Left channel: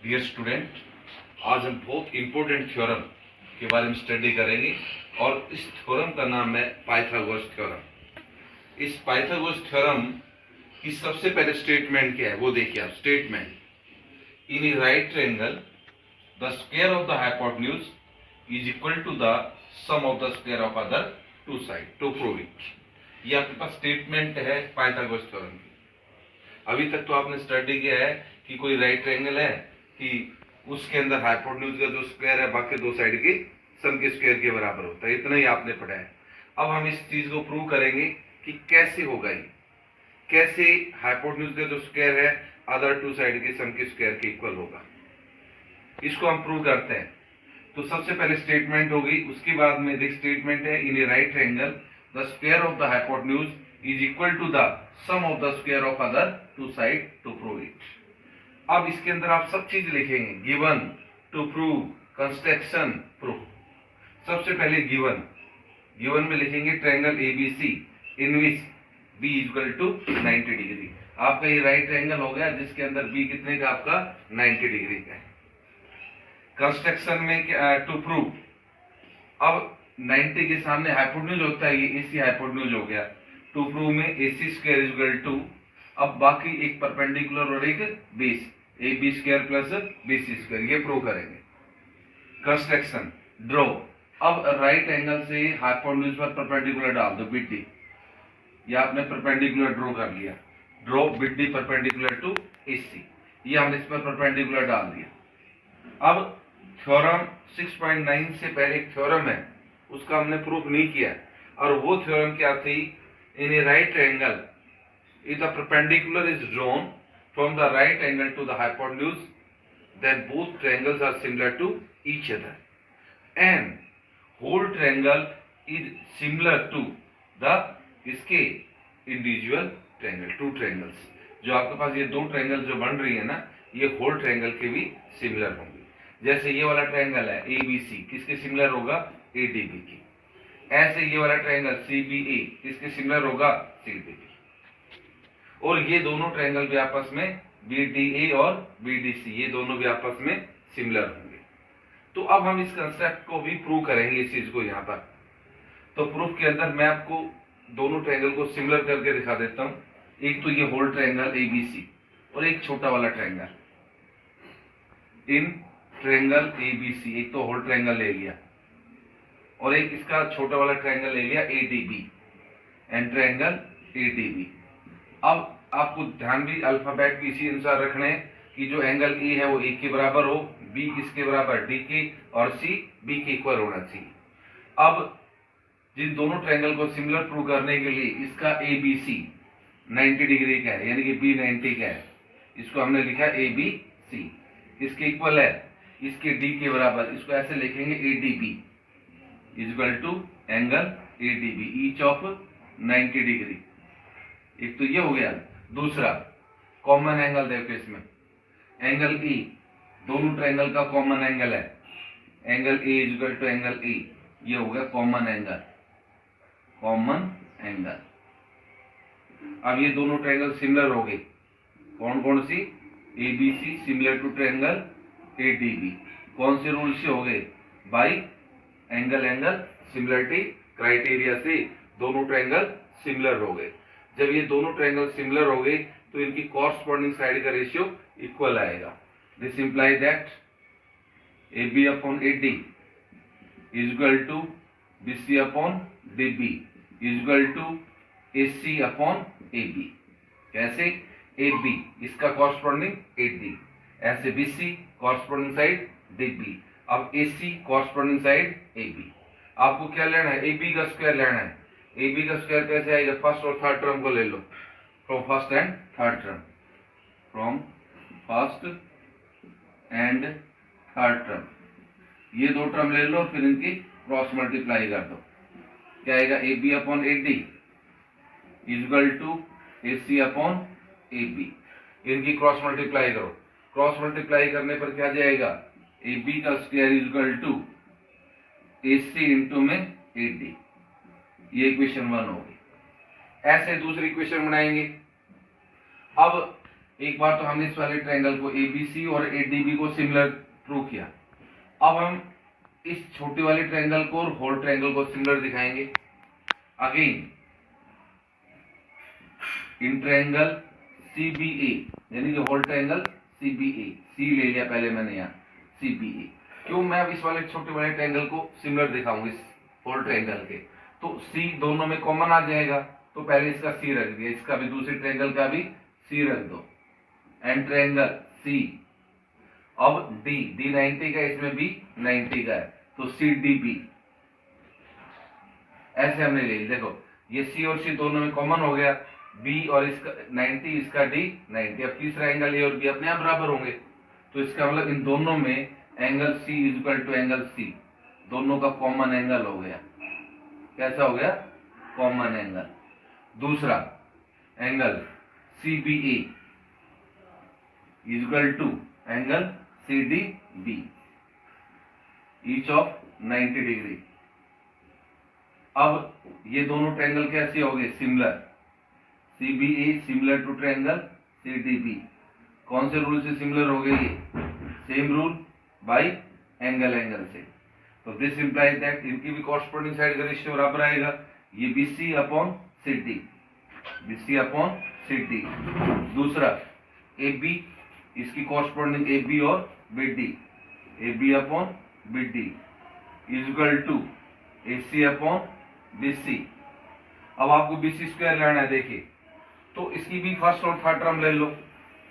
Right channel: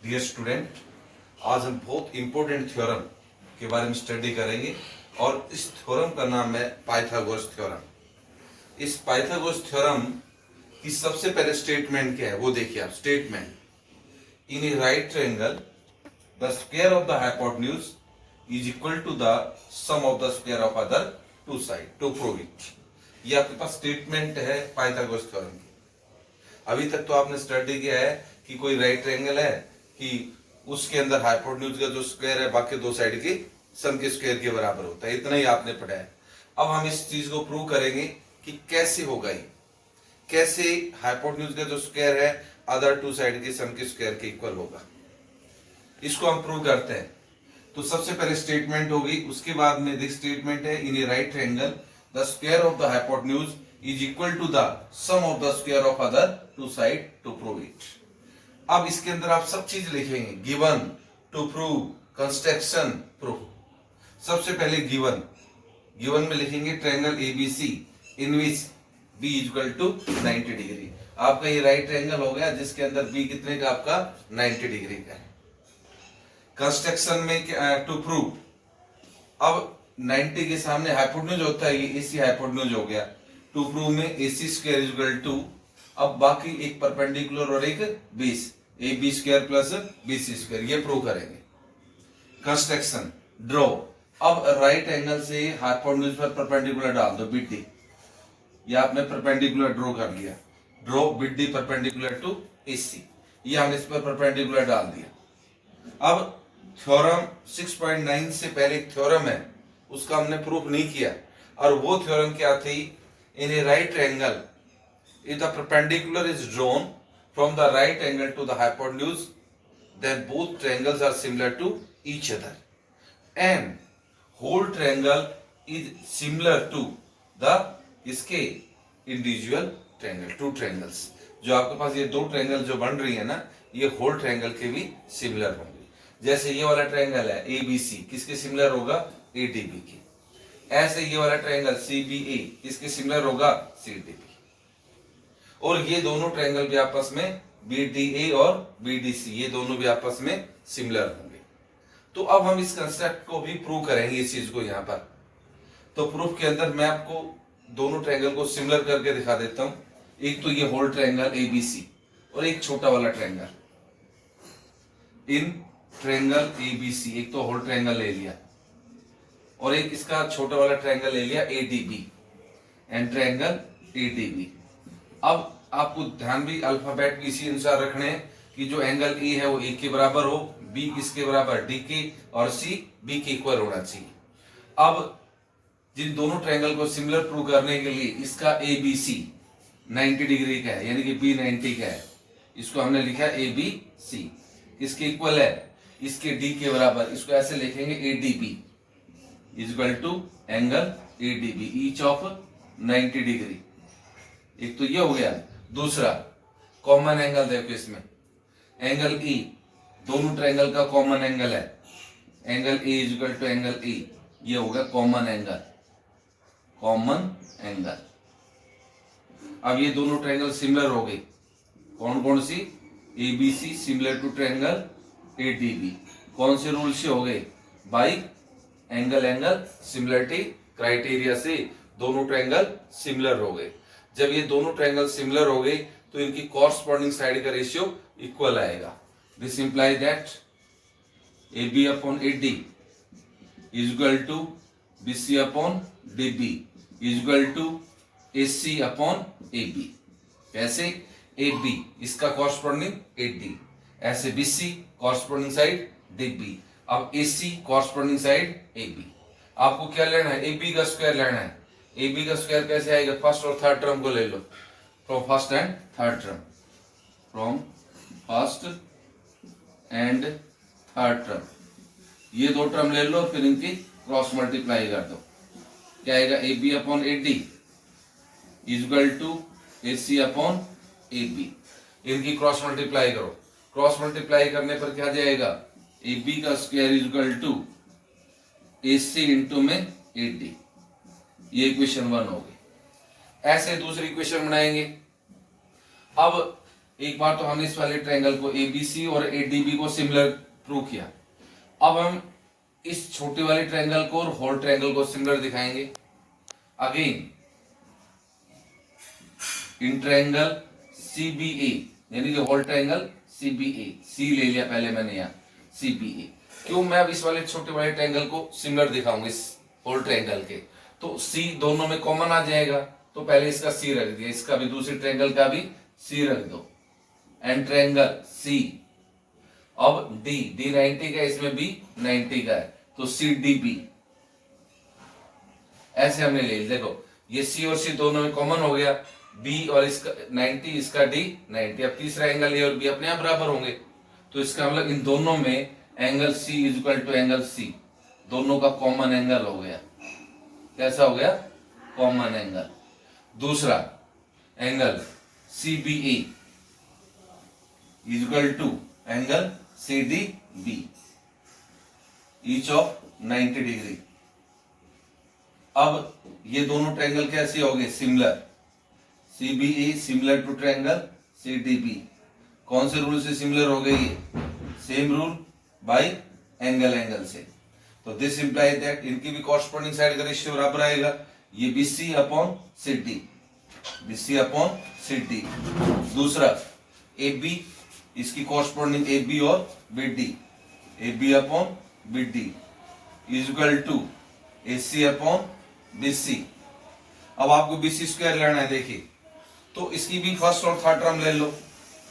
Dear student, आज हम बहुत इंपॉर्टेंट थ्योरम के बारे में स्टडी करेंगे और इस थ्योरम का नाम है पाइथागोरस थ्योरम। इस पाइथागोरस थ्योरम की सबसे पहले स्टेटमेंट क्या है वो देखिए आप। Statement, in a right triangle the square of the hypotenuse is equal to the sum of the square of other two side to prove it. ये आपके पास स्टेटमेंट है पाइथागोरस थ्योरम की। अभी तक तो आपने स्टडी किया है कि कोई राइट ट्रायंगल है कि उसके अंदर हाइपोटेन्यूज का जो स्क्वायर है बाकी दो साइड के सम के स्क्वायर के बराबर होता है। इतना ही आपने पढ़ा है। अब हम इस चीज को प्रूव करेंगे कि कैसे होगा ये, कैसे हाइपोटेन्यूज का जो स्क्वायर है अदर टू साइड के सम के स्क्वायर के इक्वल होगा। इसको हम प्रूव करते हैं। तो सबसे पहले स्टेटमेंट होगी, उसके बाद में देख स्टेटमेंट है in a right triangle the square of the hypotenuse is equal to the sum of the square of other two side to prove इट। अब इसके अंदर आप सब चीज लिखेंगे, given, to prove, construction, proof. सबसे पहले गिवन, गिवन में लिखेंगे triangle ABC in which B equal to 90 degree. आपका ये राइट ट्रायंगल हो गया जिसके अंदर बी कितने का, आपका 90 डिग्री का है। कंस्ट्रक्शन में टू प्रूव, अब 90 के सामने हाइपोटेन्यूज होता है, ये एसी हाइपोटेन्यूज हो गया। टू प्रूव में एसी स्क्वायर इक्वल टू, अब बाकी एक परपेंडिकुलर और एक base, A B square plus B C square, ये प्रूव करेंगे। कंस्ट्रक्शन, ड्रॉ, अब राइट एंगल से हाइपोटेन्यूज पर परपेंडिकुलर डाल दो, बी डी। ये आपने परपेंडिकुलर ड्रॉ कर लिया। Draw B D perpendicular to AC, ये हमने इस पर परपेंडिकुलर डाल दिया। अब थ्योरम 6.9 से पहले एक थ्योरम है, उसका हमने प्रूफ नहीं किया। और वो थ्योरम क्या थी, in a right triangle if the perpendicular is drawn from the right angle to the hypotenuse, then both triangles are similar to each other and whole triangle is similar to the इसके individual triangle, two triangles। जो आपके पास ये दो triangle जो बन रही है ना, ये होल ट्रायंगल के भी सिमिलर होंगे। जैसे ये वाला ट्रायंगल है ए बी सी, किसके सिमिलर होगा, ए डी बी की। ऐसे ये वाला ट्रायंगल सी बी ए, किसके सिमिलर होगा, सी डी बी। और ये दोनों ट्रायंगल भी आपस में बी डी ए और बी डी सी, ये दोनों भी आपस में सिमिलर होंगे। तो अब हम इस कंसेप्ट को भी प्रूव करेंगे, इस चीज को यहाँ पर। तो प्रूफ के अंदर मैं आपको दोनों ट्रायंगल को सिमिलर करके दिखा देता हूं। एक तो ये whole triangle A B C और एक छोटा वाला triangle. In triangle A B C, एक तो होल ट्रायंगल ले लिया और एक इसका छोटा वाला ट्रायंगल ले लिया A D B and triangle A D B. अब आपको ध्यान भी अल्फाबेट भी इसी अनुसार रखने हैं कि जो एंगल ए है वो ए के बराबर हो, बी किसके बराबर, डी के, और सी बी के इक्वल होना चाहिए। अब जिन दोनों ट्रायंगल को सिमिलर प्रूव करने के लिए इसका ए बी सी 90 डिग्री का है, यानी कि बी 90 का है, इसको हमने लिखा ए बी सी। किसके इक्वल है, इसके डी के बराबर। इसको ऐसे लिखेंगे A D B equal to angle A D B each of 90 degree. एक तो ये हो गया। दूसरा कॉमन एंगल देखो इसमें, एंगल ई, दोनों ट्रायंगल का कॉमन एंगल है, angle A equal to angle E, ये हो गया कॉमन एंगल, कॉमन एंगल। अब ये दोनों ट्रायंगल सिमिलर हो गए। कौन कौन सी, A B C similar to triangle A D B. कौन से रूल से हो गए, by angle angle similarity criteria से दोनों ट्रायंगल सिमिलर हो गए। जब ये दोनों ट्रायंगल सिमिलर हो गए तो इनकी कॉरस्पॉन्डिंग साइड का रेशियो इक्वल आएगा। This imply that A B upon A D is equal to B C upon D B is equal to A C upon A B. कैसे, ए बी इसका corresponding A D, ऐसे B C corresponding side D B. अब A C corresponding side A B. आपको क्या लेना है, ए B का square लेना है। ए बी का स्क्वायर कैसे आएगा, फर्स्ट और थर्ड टर्म को ले लो, from first and third term, from first and third term. ये दो टर्म ले लो, फिर इनकी क्रॉस मल्टीप्लाई कर दो। क्या आएगा, A B upon A D equal to A C upon A B. इनकी क्रॉस मल्टीप्लाई करो, क्रॉस मल्टीप्लाई करने पर क्या जाएगा, ए बी का square equal to A C into में ए डी। ये इक्वेशन 1 होगी। ऐसे दूसरी इक्वेशन बनाएंगे। अब एक बार तो हमने इस वाले ट्रायंगल को एबीसी और एडीबी को सिमिलर प्रूव किया। अब हम इस छोटे वाले ट्रायंगल को और होल ट्रायंगल को सिमिलर दिखाएंगे। अगेन इन ट्रायंगल सीबीए, यानी कि होल ट्रायंगल सीबीए, सी ले लिया पहले मैंने यहाँ सीबीए। क्यों? मैं अब इस वाले छोटे वाले ट्रायंगल को सिमिलर दिखाऊंगा इस होल ट्रायंगल के, तो सी दोनों में कॉमन आ जाएगा, तो पहले इसका सी रख दिया, इसका भी दूसरे ट्रायंगल का भी सी रख दो। एंड ट्रायंगल सी, अब डी 90 का है, इसमें बी 90 का है, तो सी डी बी ऐसे हमने ले लिया। देखो ये सी और सी दोनों में कॉमन हो गया, बी और इसका 90, इसका डी 90। अब तीसरा एंगल ए और बी अपने आप बराबर होंगे, तो इसका मतलब इन दोनों में angle C is equal to angle C, दोनों का कॉमन एंगल हो गया। कैसा हो गया? Common angle. दूसरा angle C B A is equal to angle C D B, each of 90 degree. अब ये दोनों ट्रायंगल कैसे हो गए? Similar. C B A similar to triangle C D B. कौन से रूल से सिमिलर हो गए ये? Same rule by angle angle से। तो दिस इंप्लाइज दैट इनकी भी कॉरस्पॉन्डिंग साइड का रेशियो बराबर आएगा। ये BC upon C D, BC upon C D. दूसरा ए बी, इसकी कॉरस्पॉन्डिंग ए बी और B D, A B upon B D is equal to A C upon B C. अब आपको बी सी स्क्वायर लेना है। देखिए तो इसकी भी फर्स्ट और थर्ड टर्म ले लो,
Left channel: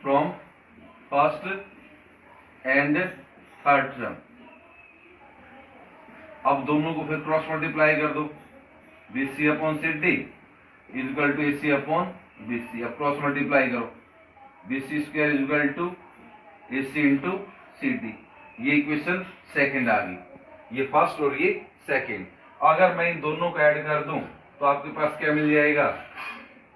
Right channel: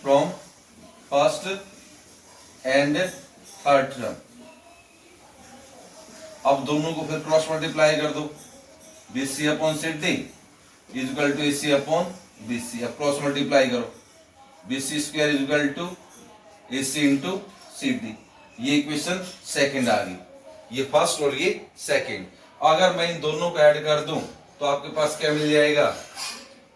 from first and third term. अब दोनों को फिर क्रॉस मल्टीप्लाई कर दो, B C upon C D is equal to A C upon B C. अब क्रॉस मल्टीप्लाई करो, B C square is equal to A C into C D. ये equation second आ गई, ये फर्स्ट और ये सेकंड। अगर मैं इन दोनों को ऐड कर दूं तो आपके पास क्या मिल जाएगा?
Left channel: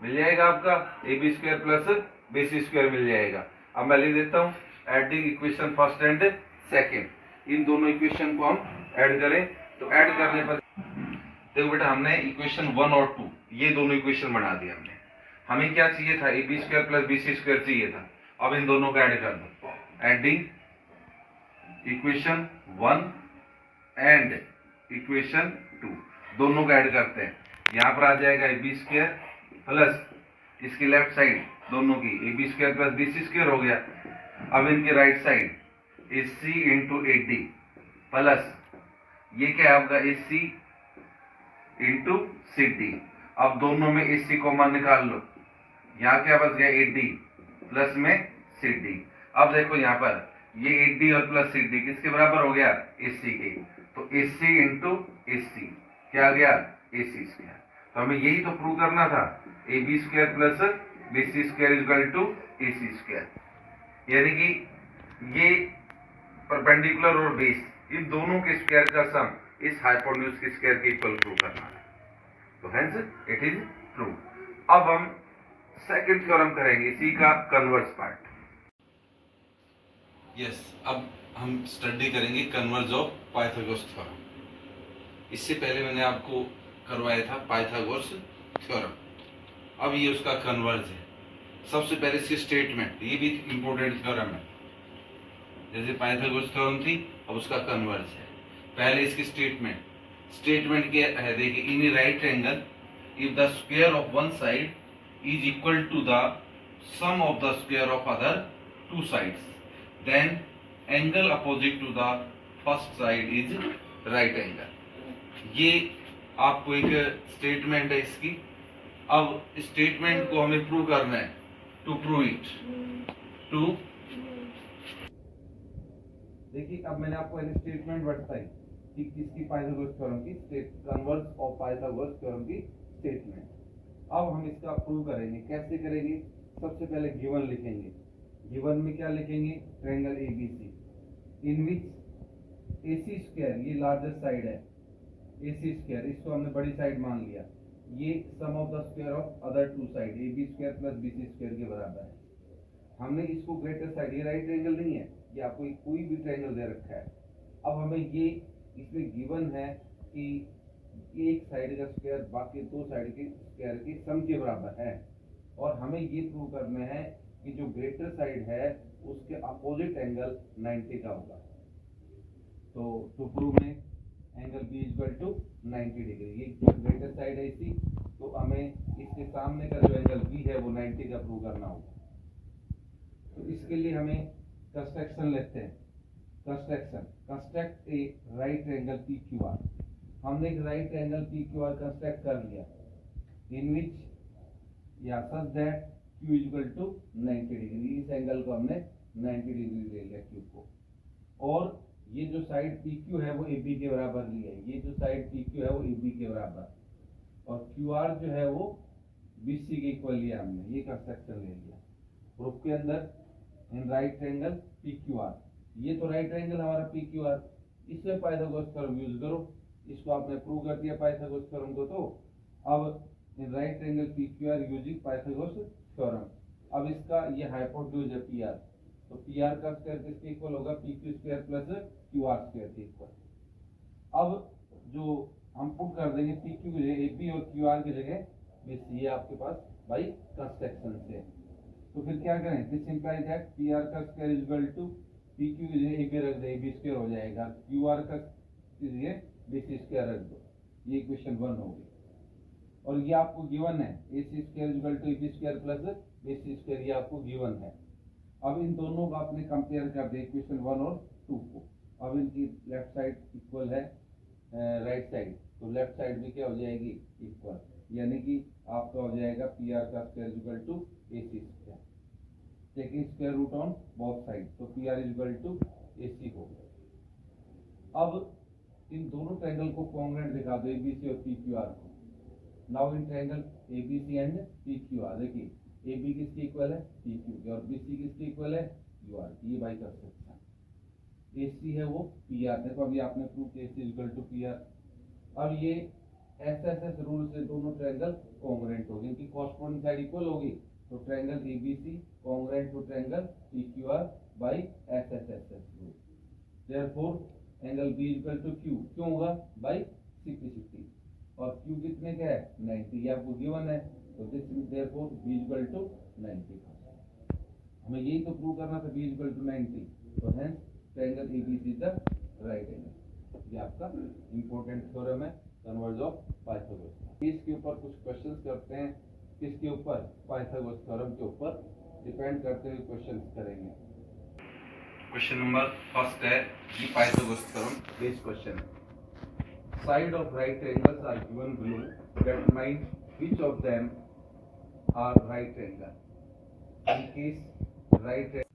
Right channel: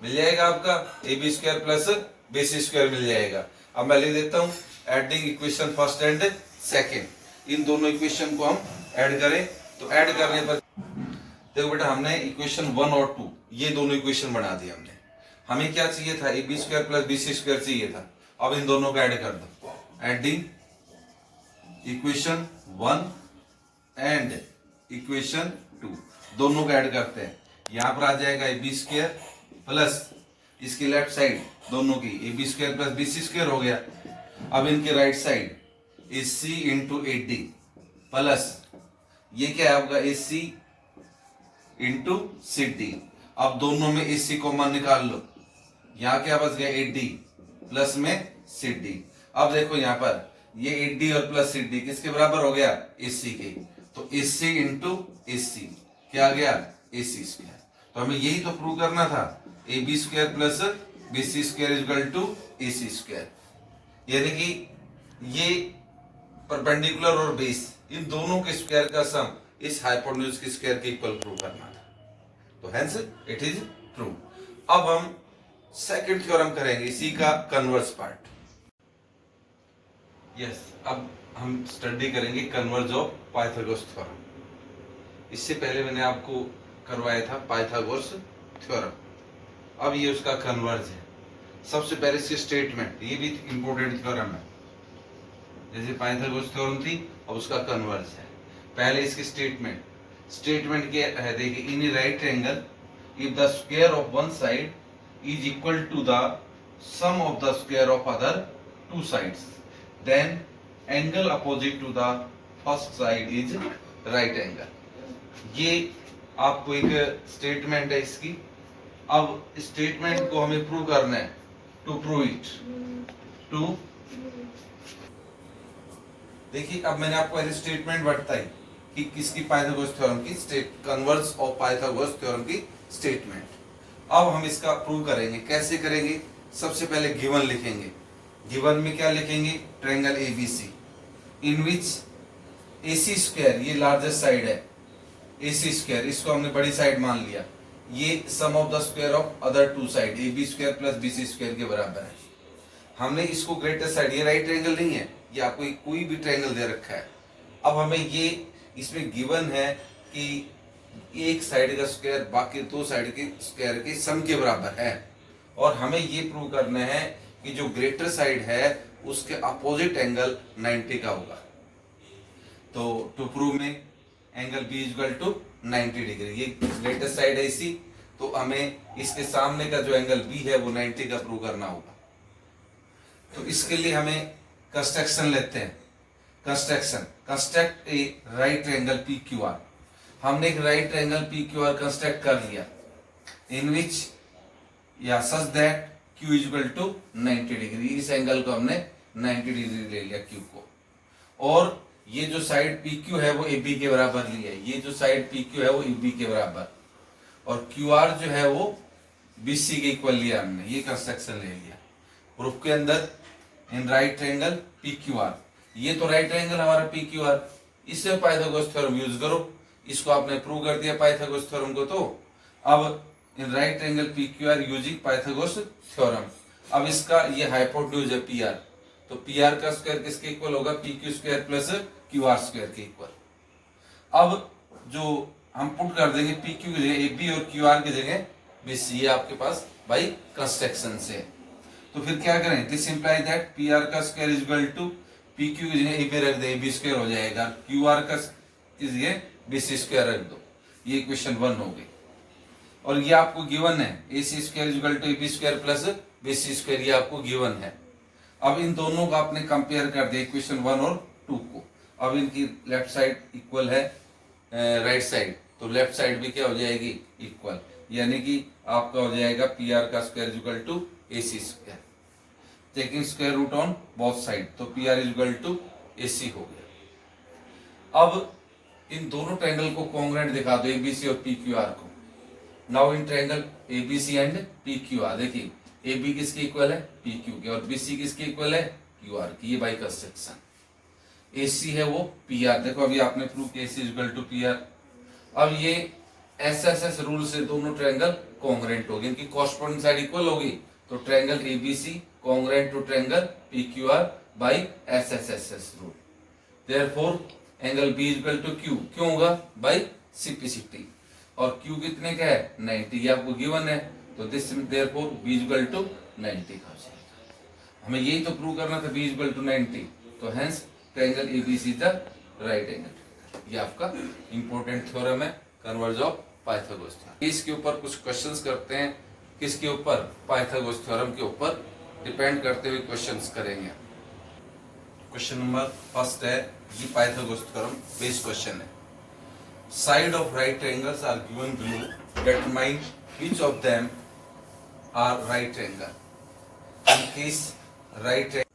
मिल जाएगा आपका A B square plus B C square मिल जाएगा। अब मैं लिख देता हूं adding equation first and second. इन दोनों इक्वेशन को हम ऐड करें तो ऐड करने पर देखो बेटा, हमने इक्वेशन 1 और 2 ये दोनों इक्वेशन बना दिया हमने। हमें क्या चाहिए था? A B square plus B C square चाहिए था। अब इन दोनों को ऐड कर दो, एडिंग इक्वेशन 1 एंड इक्वेशन 2, दोनों को ऐड करते हैं। यहां पर आ जाएगा ए बी स्क्वायर प्लस इसकी लेफ्ट साइड दोनों की A B square plus B C square हो गया। अब इनकी right side A C into A D plus ये क्या है आपका ए सी इंटू सी डी। अब दोनों में ए सी कॉमन निकाल लो, यहाँ क्या बच गया? ए डी प्लस में सी डी। अब देखो यहाँ पर ये ए डी और प्लस सी डी किसके बराबर हो गया? ए सी के। तो ए सी इंटू ए सी क्या आ गया? A C square. तो हमें यही तो प्रूव करना था, A B square plus B C square is equal to A C square. यानी कि ये परपेंडिकुलर और बेस इन दोनों के स्क्वायर का सम इस हाइपोटेन्यूज के स्क्वायर के इक्वल प्रूव करना है। तो हेंस इट इज प्रूव। अब हम सेकंड थ्योरम करेंगे, इसी का कन्वर्स पार्ट। यस, अब हम स्टडी करेंगे कन्वर्ज ऑफ पाइथागोरस थ्योरम। इससे पहले मैंने आपको करवाया था पाइथागोरस थ्योरम, अब ये उसका कन्वर्ज है। सबसे पहले इसकी स्टेटमेंट, ये भी इंपॉर्टेंट थ्योरम है। जैसे पाइथागोरस थ्योरम थी, अब उसका कन्वर्ज है। पहले इसकी स्टेटमेंट क्या है? देखिए, in a right angle if the square of one side is equal to the sum of the square of other two sides, then angle opposite to the first side is right angle. ये आपको एक statement है इसकी। अब statement को हमें prove करना है। टू प्रूव इट, टू देखिए, अब मैंने आपको ऐसे स्टेटमेंट बताई कि किसकी? पाइथागोरस थ्योरम की कन्वर्स ऑफ पाइथागोरस थ्योरम की स्टेटमेंट। अब हम इसका प्रूव करेंगे। कैसे करेंगे? सबसे पहले गिवन लिखेंगे। गिवन में क्या लिखेंगे? Triangle ABC in which AC square, ये लार्जेस्ट साइड है, एसी स्क्वायर इसको हमने बड़ी साइड मान लिया, ये sum of the square of other two side A B square plus B C square के बराबर है। हमने इसको ग्रेटेस्ट साइड, ये राइट ट्रायंगल नहीं है, ये आपको कोई भी ट्रायंगल दे रखा है। अब हमें ये इसमें गिवन है कि एक साइड का स्क्वायर बाकी दो साइड के स्क्वायर के सम के बराबर है, और हमें ये प्रूव करना है कि जो ग्रेटर साइड है उसके अपोजिट एंगल 90 का होगा। तो टू प्रूव में angle B equal to 90 degree, ये ग्रेटर साइड है इसी, तो हमें इसके सामने का जो एंगल बी है वो 90 का प्रूव करना होगा। तो इसके लिए हमें कंस्ट्रक्शन लेते हैं। Construct a right angle P Q R. हमने एक right angle P Q R construct कर लिया, इन विच या such that Q equal to 90 degree. इस एंगल को हमने 90 डिग्री ले लिया क्यू को, और ये जो साइड पी क्यू है वो ए बी के बराबर ली है, ये जो साइड पी क्यू है वो ए बी के बराबर, और क्यू आर जो है वो बी सी के इक्वल लिया हमने, ये कंस्ट्रक्शन ले लिया। प्रूफ के अंदर in right angle P Q are, ये तो राइट एंगल हमारा पी क्यू आर, इससे पाइथागोरस थ्योरम यूज करो। इसको आपने प्रूव कर दिया पाइथागोरस थ्योरम को। तो अब in right angle P Q are using Pythagoras theorem, अब इसका ये हाइपोटेन्यूज है पी आर, तो पी आर का स्क्वायर किसके इक्वल होगा, P Q square plus Q R square के इक्वल। अब जो हम पुट कर देंगे पी क्यू की जगह ए बी और क्यू आर की जगह बी सी, ये आपके पास बाई कंस्ट्रक्शन से। तो फिर क्या करें, this imply that P R का square is equal to P Q की जगह ए बी रख दे, ए बी स्क्वायर हो जाएगा, क्यू आर का की जगह बी सी स्क्वायर रख दो। ये इक्वेशन 1 हो गई, और ये आपको गिवन है A C square is equal to A B square plus B C square, ये आपको गिवन है। अब इन दोनों को आपने कंपेयर कर दिया इक्वेशन 1 और 2 को। अब इनकी लेफ्ट साइड इक्वल है राइट साइड, तो लेफ्ट साइड भी क्या हो जाएगी, इक्वल, यानी कि आपका हो जाएगा पी आर का square equal to A C square, taking square root on both side, तो P R equal to A C हो गया। अब इन दोनों ट्रायंगल को कॉन्ग्रुएंट दिखा दो, एबीसी और पी क्यू आर को। Now in triangle ABC and P Q are, देखिए ए बी किसके इक्वल है, पी क्यू के, और बी सी किसके इक्वल है, क्यू आर की, ये बाई कंस्ट्रक्शन। ए सी है वो पी आर, देखो अभी आपने प्रूव किया ए सी इक्वल टू पी आर। अब ये एस एस एस रूल से दोनों ट्रायंगल कॉन्ग्रुएंट होगी, इनकी कॉरस्पॉन्डिंग साइड इक्वल होगी, तो triangle A B C congruent to triangle P Q R by S S S S rule. Therefore angle B equal to Q, क्यों होगा, by simplicity, और Q कितने का है, 90, ये आपको गिवन है, तो this therefore B equal to 90 का हो जाएगा। हमें यही तो प्रूव करना था, बी इक्वल टू 90, तो hence triangle ABC the right angle. ये आपका इंपॉर्टेंट थ्योरम है, कन्वर्ज ऑफ पाइथागोरस थ्योरम। इसके ऊपर कुछ क्वेश्चंस करते हैं, किसके ऊपर, पाइथागोरस थ्योरम के ऊपर डिपेंड करते हुए क्वेश्चंस करेंगे। क्वेश्चन नंबर फर्स्ट है जी पाइथागोरस थ्योरम बेस्ड क्वेश्चन है। Side of right triangles are given below. Determine which of them are right angle. In case right triangle,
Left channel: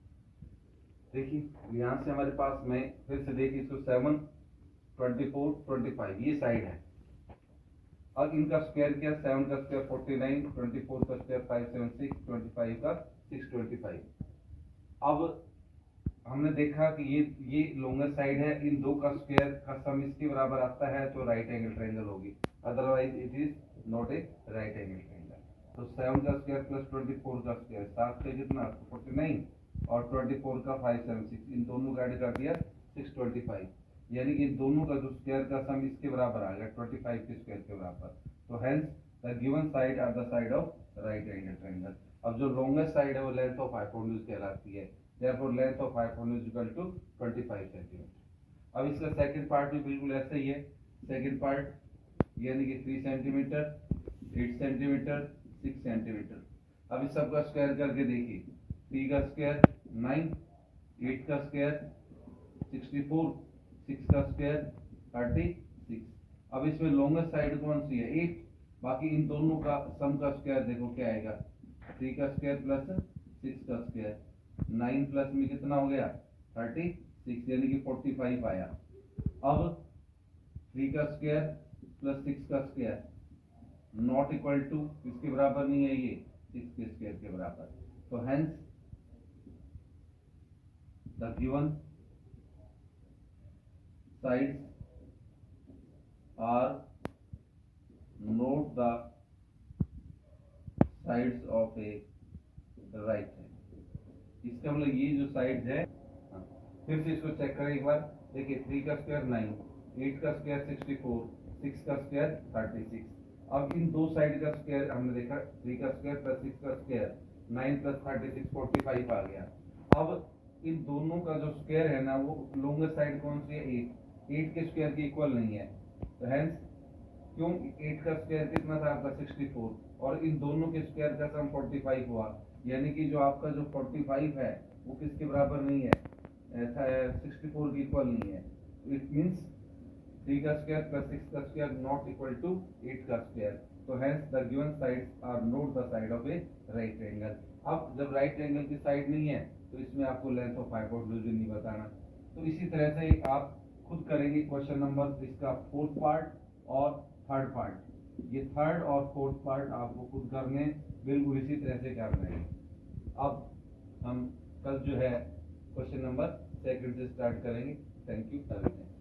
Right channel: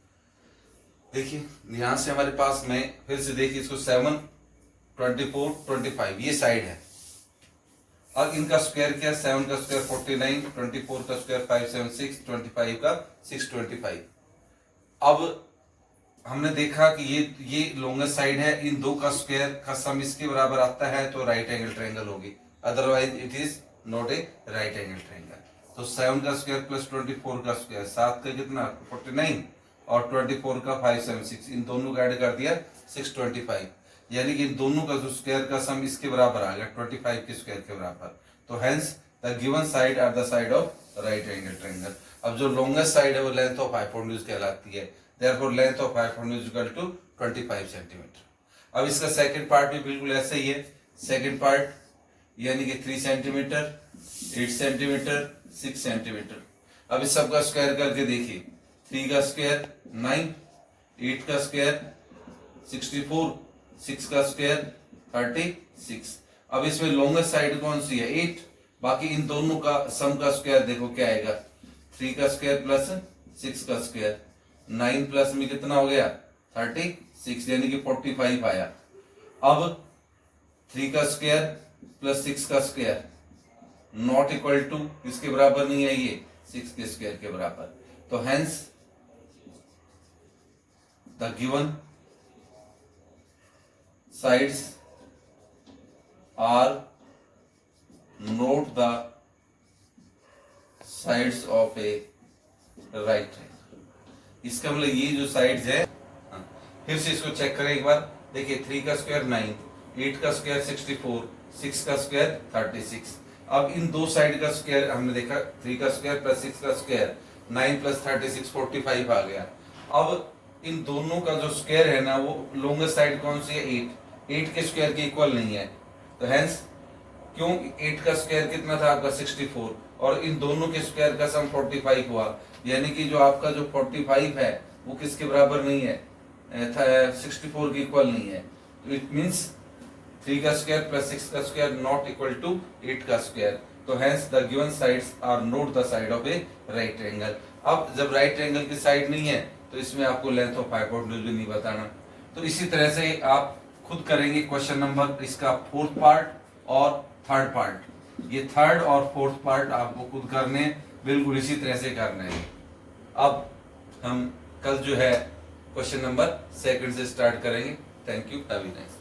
देखिए यहाँ से हमारे पास में फिर से देखिए इसको 7, 24, 25 ये साइड है। अब इनका स्क्वायर क्या, 7 का स्क्वायर 49, 24 का स्क्वायर 576, 25 का 625। अब हमने देखा कि ये लॉन्गेस्ट साइड है, इन दो का स्क्वायर का सम इसके बराबर आता है, तो राइट एंगल ट्रायंगल होगी, otherwise it is not a right angle triangle. तो 7 का स्क्वायर प्लस 24 का स्क्वायर, 7 का कितना 49 और 24 का 576, इन दोनों का ऐड कर दिया 625, यानी कि इन दोनों का जो स्क्वायर का सम इसके बराबर आ गया 25 के स्क्वायर के बराबर। तो hence the given side are the side of right angle triangle. अब जो लॉन्गेस्ट साइड है वो लेंथ ऑफ हाइपोटेन्यूज कहलाती है, therefore length of hypotenuse equal to 25 centimetre. अब इसका सेकंड पार्ट भी बिल्कुल ऐसा ही है, सेकंड पार्ट यानी कि 3 सेंटीमीटर, 8 सेंटीमीटर, 6 सेंटीमीटर। अब इस सब का स्क्वायर करके देखिए, 3 का स्क्वायर 9, 8 का स्क्वायर 64, 6 का स्क्वायर 36। अब इसमें लॉन्गेस्ट साइड कौन सी है, 8, बाकी इन दोनों का सम का स्क्वायर देखो क्या आएगा, 3 का स्क्वायर प्लस 6 का स्क्वायर, 9 प्लस में कितना हो गया 36, यानी कि 45 आया। अब 3 का स्क्वायर प्लस 6 का स्क्वायर नॉट इक्वल टू किसके बराबर नहीं है, ये 6 के स्क्वायर के बराबर। तो hence the given sides are not the sides of a right triangle. इसका मतलब ये जो साइड्स है, फिर से इसको चेक करें एक बार, देखिए 3 का स्क्वायर 9, 8 का स्क्वायर 64, 6 का स्क्वायर 36। अब इन दो साइड का स्क्वायर हमने देखा, 3 का स्क्वायर प्लस 6 का स्क्वायर, 9 + 36 45 आ गया। अब इन दोनों का जो स्क्वायर है ना, वो लॉन्गेस्ट साइड कौन सी है, 8 के स्क्वायर के इक्वल नहीं है, तो हेंस क्यों 8 का स्क्वायर कितना था आपका 64, और इन दोनों के स्क्वायर का सम 45 हुआ, यानी कि जो आपका जो 45 है वो किसके बराबर नहीं है, 64 के इक्वल नहीं है। तो इट मींस 3 का स्क्वायर प्लस 6 का स्क्वायर नॉट इक्वल टू 8 का स्क्वायर। तो hence the given sides are not the side of a right angle. अब जब राइट एंगल की साइड नहीं है तो इसमें आपको लेंथ ऑफ हाइपोटेन्यूज भी नहीं बताना। तो इसी तरह से आप खुद करेंगे क्वेश्चन नंबर इसका 4th पार्ट और 3rd पार्ट। ये 3rd और 4th पार्ट आपको खुद करने, बिल्कुल इसी तरह से करने हैं। अब हम कल जो है क्वेश्चन नंबर 2 से स्टार्ट करेंगे। Thank you, have a nice day.